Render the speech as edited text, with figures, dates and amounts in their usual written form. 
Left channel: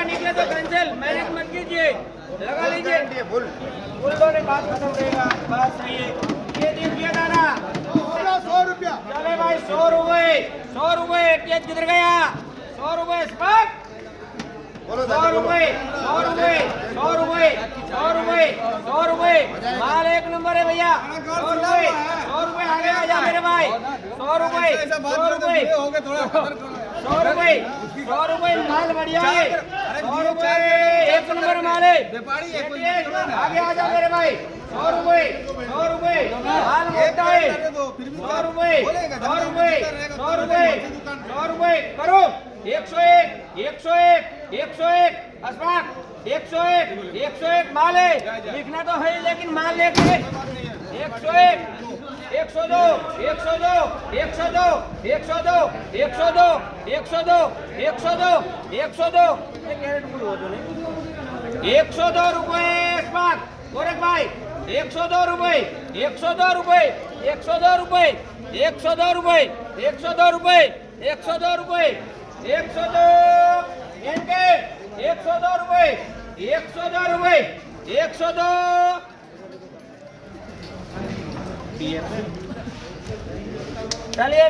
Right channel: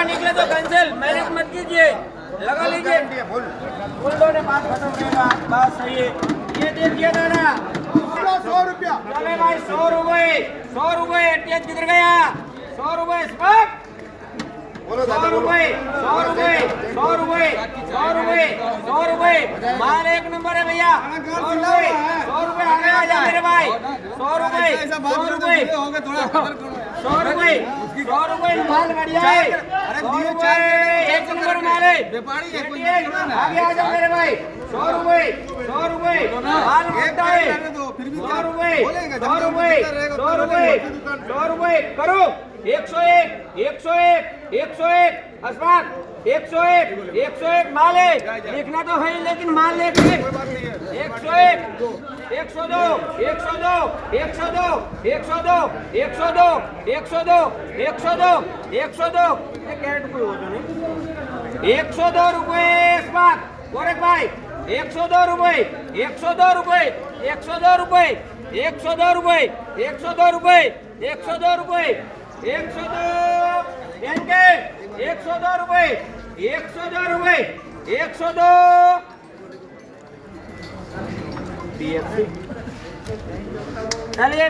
ज्यादा निकले तो कैंसिल, मैनेज मत कीजिए, लगा लीजिए। फुल ने बात खत्म रहेगा, बात सही है। ये देखिए दादा 100 रुपया। चले भाई 100 रुपए, 100 रुपए। टेज किधर गया? 100 रुपए स्पॉट, 100 रुपए, 100 रुपए, 100 रुपए, 100 रुपए, 100 रुपए। माल एक नंबर है भैया। 100 रुपए, 100 रुपए आगे आ जा मेरे भाई। 100 रुपए, 100 रुपए, 100 रुपए, 100 रुपए। माल बढ़िया है, 100 रुपए एक नंबर माल है। आगे आ जा मेरे भाई। 100 रुपए, 100 रुपए माल मोटा है। 100 रुपए, 100 रुपए, 100 रुपए, 100 रुपए करो। 101, 101, 101 अस्मान, 101, 101 माल है। लिखना तो है लेकिन माल लेके 101, 102, 102, 102, 102, 102, 102, 102, 102। 102 रुपए अस्मान गोरख भाई। 102 रुपए, 102 रुपए, 102 रुपए, 102 रुपए, 102 रुपए, 102 रुपए, 102 एनके 102 रुपए, 102 रुपए, 102 चलिए।